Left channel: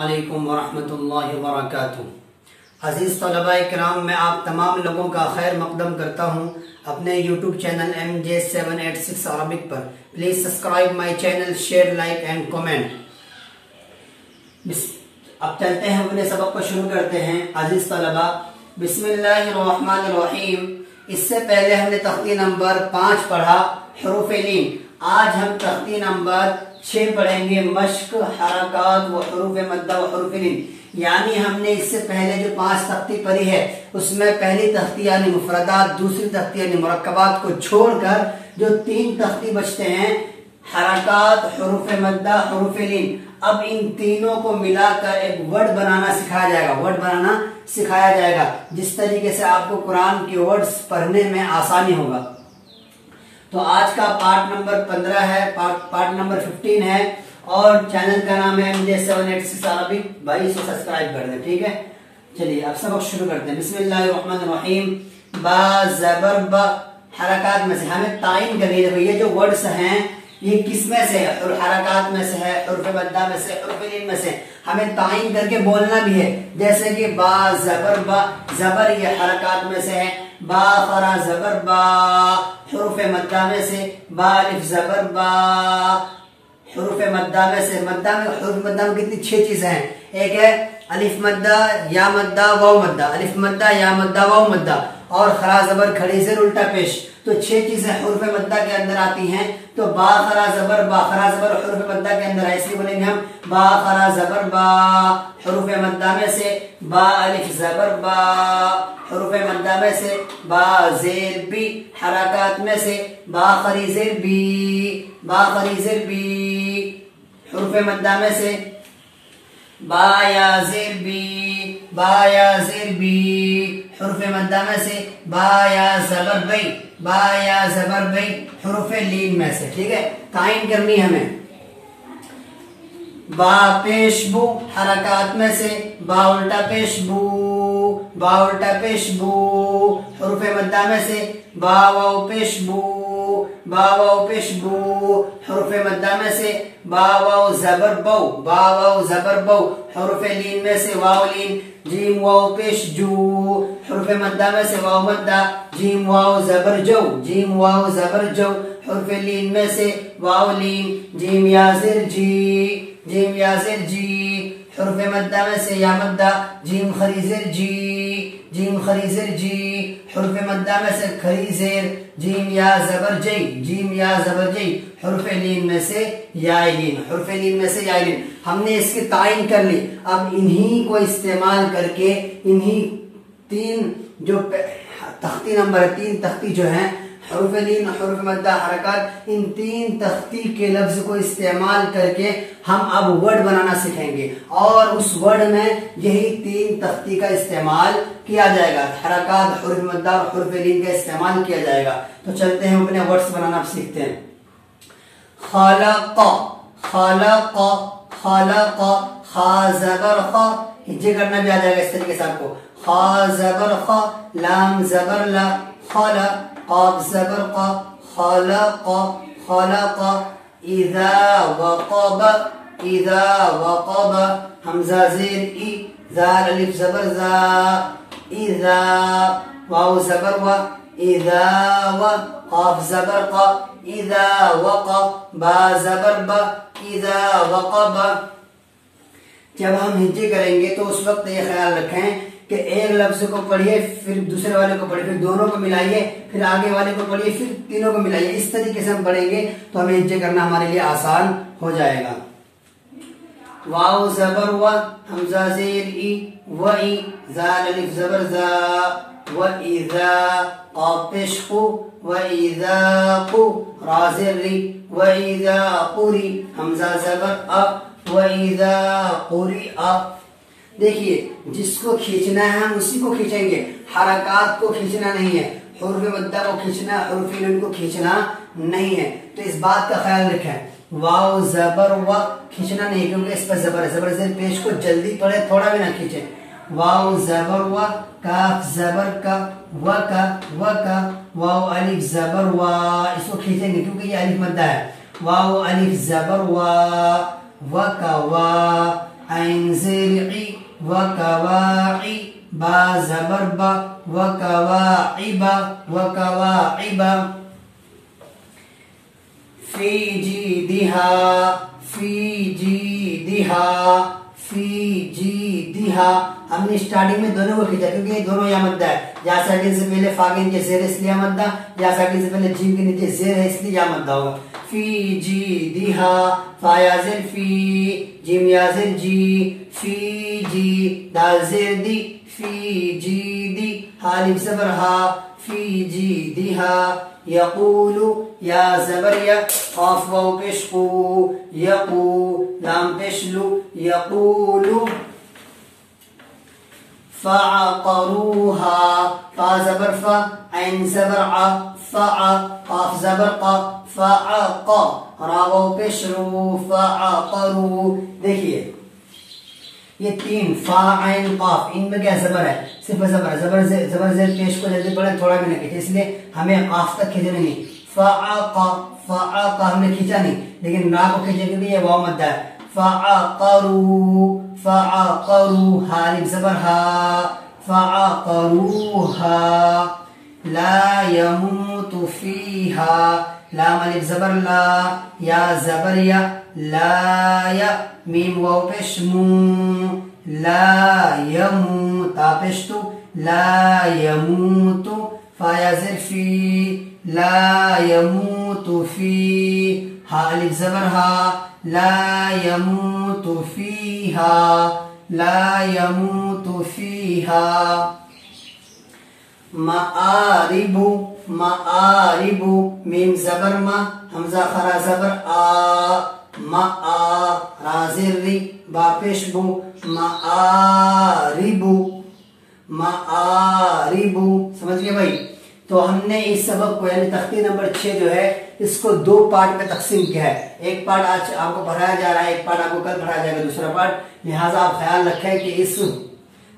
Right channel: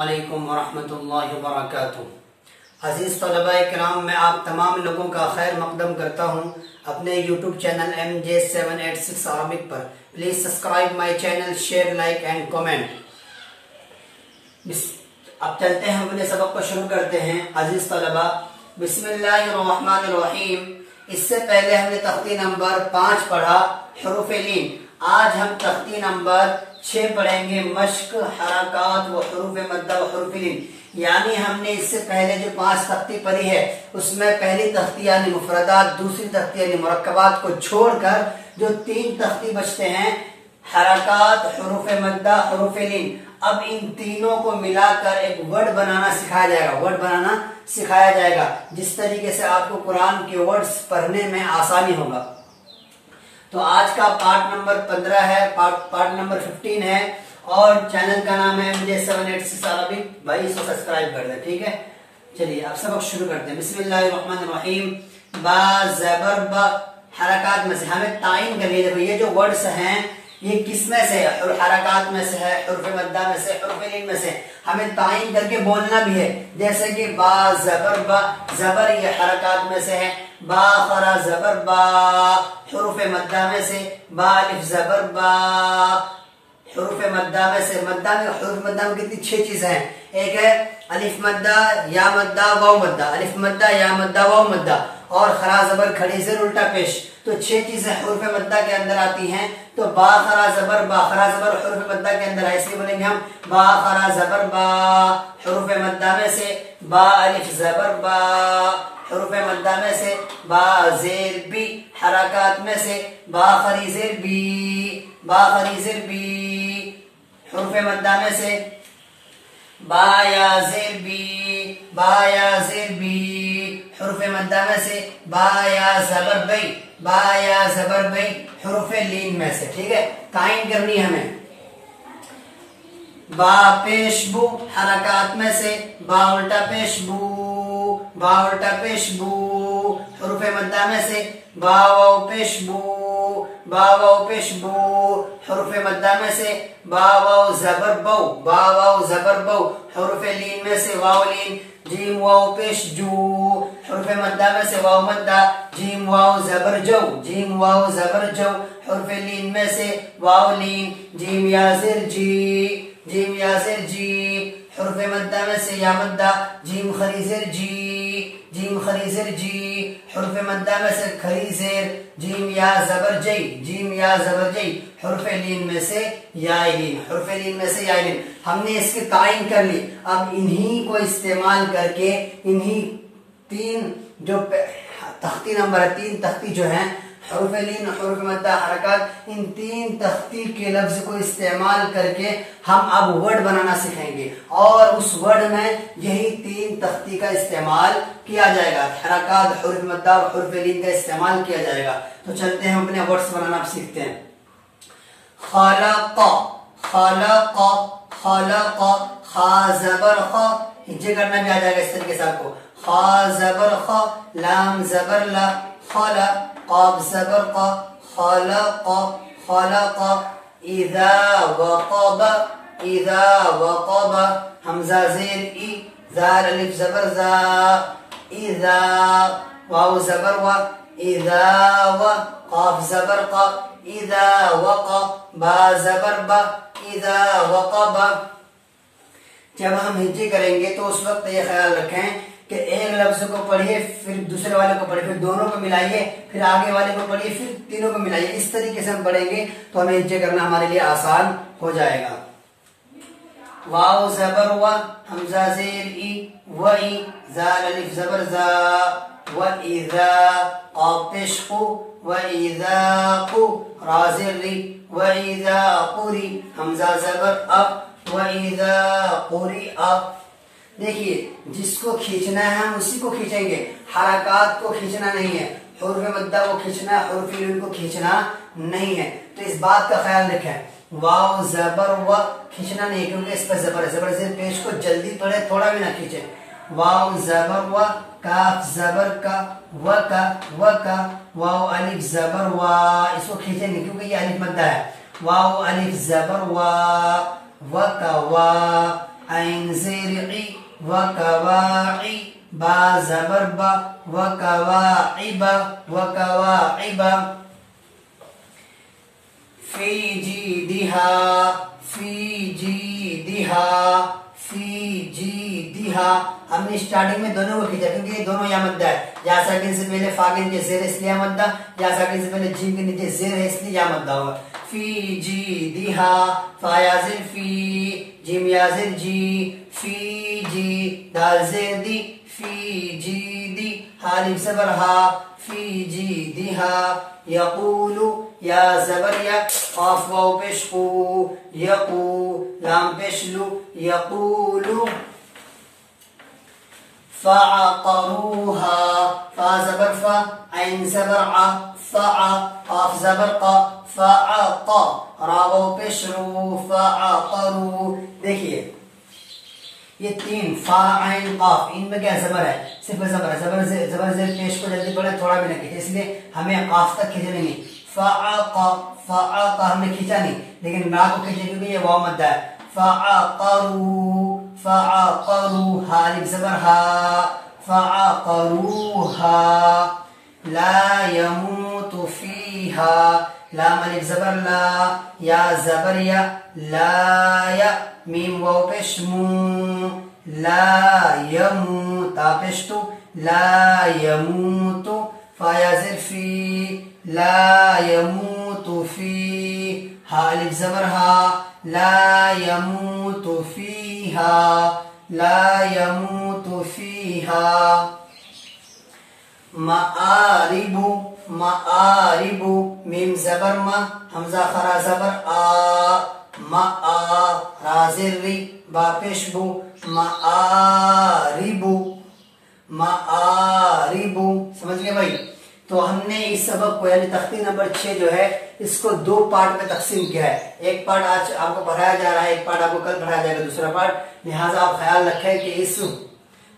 वालेकुम वरहमतुल्लाहि वबरकातुहू। अजीज तलबा-ए किराम, मैं आप तमाम लोगों का खैर मकदम करता हूँ अपने यूट्यूब चैनल MJ786 अरबिक पर। Please subscribe my channel, share, like and comment. अब चलते हैं, अपने सबक को शुरू करते हैं। अजीज तलबा, बिस्मिल्लाहिर्रहमानिर्रहीम। इससे पहले हमने तख्ती नंबर 5 पढ़ा, हुरूफ लीन। आज हम तख्ती नंबर 6 पढ़ेंगे, मश्क, हरकात व हुरूफ मद्दा व हुरूफ लीन। यानी हमने इससे पहले जो 5 तख्ती पढ़ी है, उसमें पहली तख्ती यानी मुफरदात, दूसरी तख्ती यानी मुरक्कबात को छोड़कर जो 3 तख्ती बचते हैं, हरकात, हुरूफ मद्दा, हुरूफ लीन। अब इन तीनों को मिलाकर एक वर्ड बनाना सिखाया जाएगा, जिस तरीके से आपको कुरान के वर्ड्स पढ़ने में आसानी होगा। तो आज का पार्ट नंबर 15 है, पार्ट नंबर 15 है, और चैनल का नाम है MJ786 अरबिक। भाई इसको सब्सक्राइब कर दे, ठीक है। चलिए अब सबक शुरू करते हैं। बिस्मिल्लाहिर्रहमानिर्रहीम। बा ज़बर बा, हरकात में से हमें तायीन करनी है। ये जो वर्ड्स हैं ये किस में से है? हरकात में से है, हुरूफ मद्दा में से, हुरूफ लीन में से। हमें तायीन करके बोलना भी है, जैसे कि बा ज़बर बा, ज़बर ये हरकात में से है। बा खरा ज़बर बा, हुरूफ मद्दा में से। बा अलिफ ज़बर बा, हुरूफ मद्दा में से। मद्दा में, हुरूफ मद्दा में कितनी 6 चीजें हैं। एक है अलिफ मद्दा, या मद्दा, वाव मद्दा। अलिफ मद्दा, या मद्दा, वाव मद्दा। और खरा ज़बर, खड़ी ज़ेर, उल्टा पेश। तो 6 चीजें हुरूफ मद्दा के अंदर आती हैं। तो बा खरा ज़बर बा, खरा ज़बर हुरूफ मद्दा के अंदर है, इसलिए बोलेंगे हम बा खरा ज़बर बा, हुरूफ मद्दा में से। बा अलिफ ज़बर बा, हुरूफ मद्दा में से। बा ज़ेर बी, हरकात में से। बा खरी ज़ेर बी, बा खरी ज़ेर बी, हुरूफ मद्दा में से। बा या ज़ेर बी, बा या ज़ेर बी, हुरूफ मद्दा में से। बा या ज़बर बई, बा या ज़बर बई, हुरूफ लीन में से। ठीक है, तायीन करनी है हमें। बा पेश बू, हरकात में से। बा उल्टा पेश बू, बा उल्टा पेश बू, हुरूफ मद्दा में से। बा वाव पेश बू, बा वाव पेश बू, हुरूफ मद्दा में से। बा वाव ज़बर बौ, बा वाव ज़बर बौ, हुरूफ लीन में से। वाव लीन। जीम वाव पेश जू, हुरूफ मद्दा में से। वाव मद्दा। जीम वाव ज़बर जौ, जीम वाव ज़बर जौ, हुरूफ लीन में से। वाव लीन। जीम या ज़ेर जी, जीम या ज़ेर जी, हुरूफ मद्दा में से। या मद्दा। जीम खरी ज़ेर जी, जीम खरी ज़ेर जी, हुरूफ मद्दा में से। खरी ज़ेर। जीम या ज़बर जई, जीम या ज़बर जई, हुरूफ लीन में से। या लीन, हुरूफ लीन में से। या लीन। हमने इसकी तायीन कर ली। अब इन्हीं को इस्तेमाल करके, इन्हीं 3 जो तख्ती नंबर 3 तख्ती जो हैं, हुरूफ लीन, हुरूफ मद्दा, हरकत, इन 3 तख्ती के लफ्ज को इस्तेमाल करके हम अब वर्ड बनाना सीखेंगे, और उस वर्ड में यही 3 तख्ती का इस्तेमाल किया जाएगा। हरकत, हुरूफ मद्दा और हुरूफ लीन का इस्तेमाल किया जाएगा। तो चलते हैं, अपने वर्ड्स बनाना सीखते हैं। खलक, खलक, खलक, खा ज़बर ख, हिज्जे करना भी आ जाएगा इस तरीके से आपको। खा ज़बर ख, लाम ज़बर ला, खला। क़ाफ ज़बर क़, खलक़, खलक़। इज़ा वक़ब, इज़ा वक़ब, हमज़ा ज़ेर ई, ज़ार अलिफ ज़बर ज़ा। इज़ा, वाव ज़बर व, इज़ा व, क़ाफ ज़बर क़, इज़ा वक़। बा ज़बर ब, इज़ा वक़ब। जब हम हिज्जे करेंगे तो उस वक्त ये ख्याल रखें कि एक लफ्ज को पढ़िए, फिर दूसरे वाले को पढ़िए, फिर दोनों को मिलाइए, फिर आगे वाले को पढ़िए, फिर तीनों को मिलाइए। इस तरीके से हम पढ़ेंगे तो हमें हिज्जे करना हमारे लिए आसान हो जाएगा। वाव ज़बर व, हमज़ा ज़ेर ई, व ई, ज़ार अलिफ ज़बर ज़ा। व इज़ा, क़ाफ पेश क़ु, व इज़ा क़ु, रा ज़ेर री। व इज़ा क़ुरी, हमज़ा ज़बर अ, व इज़ा क़ुरिअ। देखिए, जिसको खींचना है हम उसी को खींचेंगे, हरकात को खींचना नहीं है, हुरूफ मद्दा को खींचना है, हुरूफ लीन को खींचना नहीं है। तो इस बात का ख्याल रखें। वाव ज़बर व खींचना नहीं, क्योंकि इस पर ज़बर है। ज़बर ज़ेर पेश को जल्दी पढ़े, थोड़ा भी ना खींचे। वाव ज़बर व, काफ ज़बर का, व का, व का। वाव अलिफ ज़बर व, इसको खींचेंगे क्योंकि ये अलिफ मद्दा है। वाव अलिफ ज़बर व का वा, ऐन ज़ेर وكواعب با زبر با وكواعب وكواعب في جيدها في جيدها في جيدها ہم نے اسٹارٹنگ میں دونوں کو کھینچا کیونکہ یہ دونوں یہاں مدہ ہے، یا ساکن سے پہلے فا کے نیچے زیر اس لیے مدہ، یا ساکن سے پہلے جیم کے نیچے زیر ہے اس لیے یہاں مدہ ہوگا. فی جیدہا فا یا زیر فی جیم یا زیر جی فی جی دال زیر دی فی جیدی حالف زبر ہا فی جیدہا. یقول یا زبر یا قاف واو پیش قو یقو لام پیش لو یقول. فعقروها فا زبر فا عین زبر ع فع قاف زبر قا فعق را واو پیش رو فعقرو. دیکھیے یہ تین فا عین قاف ان میں کیا زبر ہے؟ صرف زبر زبر زیر پیش کو جلدی پڑھیں تھوڑا بھی نہ کھینچے، اس لیے ہمیں قاف تک کھینچنا نہیں. فعق فعق ہم نے کھینچا نہیں لیکن را کو کھینچے کیونکہ یہ واو مدہ ہے. فعقروا فعقروا حالف زبر ہا فعقروها لا يموت فيها لام الف زبر لا یا زبر یا لا یا میم واو پیش مو لا يموت پیشتو لا يموت فا یا زر فی لا يموت فی ہا الف زبر ہا لا يموت فيها لا يموت فيها. مآرب مآرب میم زبر ما حمزہ خرا زبر آ ما رازر ری با پیش بو مآرب مآرب. سمجھ گئے بھائی؟ تو ہم نے اس سبق کو یعنی تختی نمبر 6 جو ہے اس کو 2 پارٹ میں تقسیم کیا ہے. ایک پارٹ آج آپ کو پڑھایا جا رہا ہے، ایک پارٹ آپ کو کل پڑھایا جائے گا دوسرا پارٹ. لہٰذا آپ خیال رکھیں کہ اس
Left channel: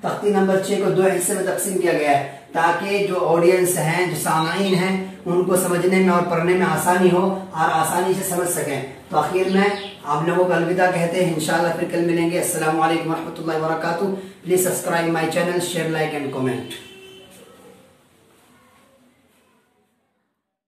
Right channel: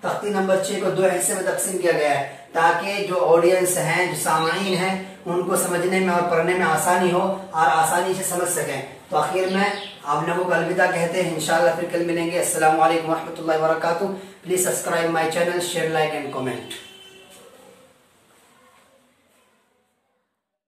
تختی نمبر 6 کو 2 حصے میں تقسیم کیا گیا ہے تاکہ جو آڈینس ہیں جو سامعین ہیں ان کو سمجھنے میں اور پڑھنے میں آسانی ہو اور آسانی سے سمجھ سکیں. تو آخر میں آپ لوگوں کو الوداع کہتے ہیں، انشاءاللہ پھر کل ملیں گے. السلام علیکم ورحمۃ اللہ وبرکاتہ. Please subscribe my channel, share, like and comment.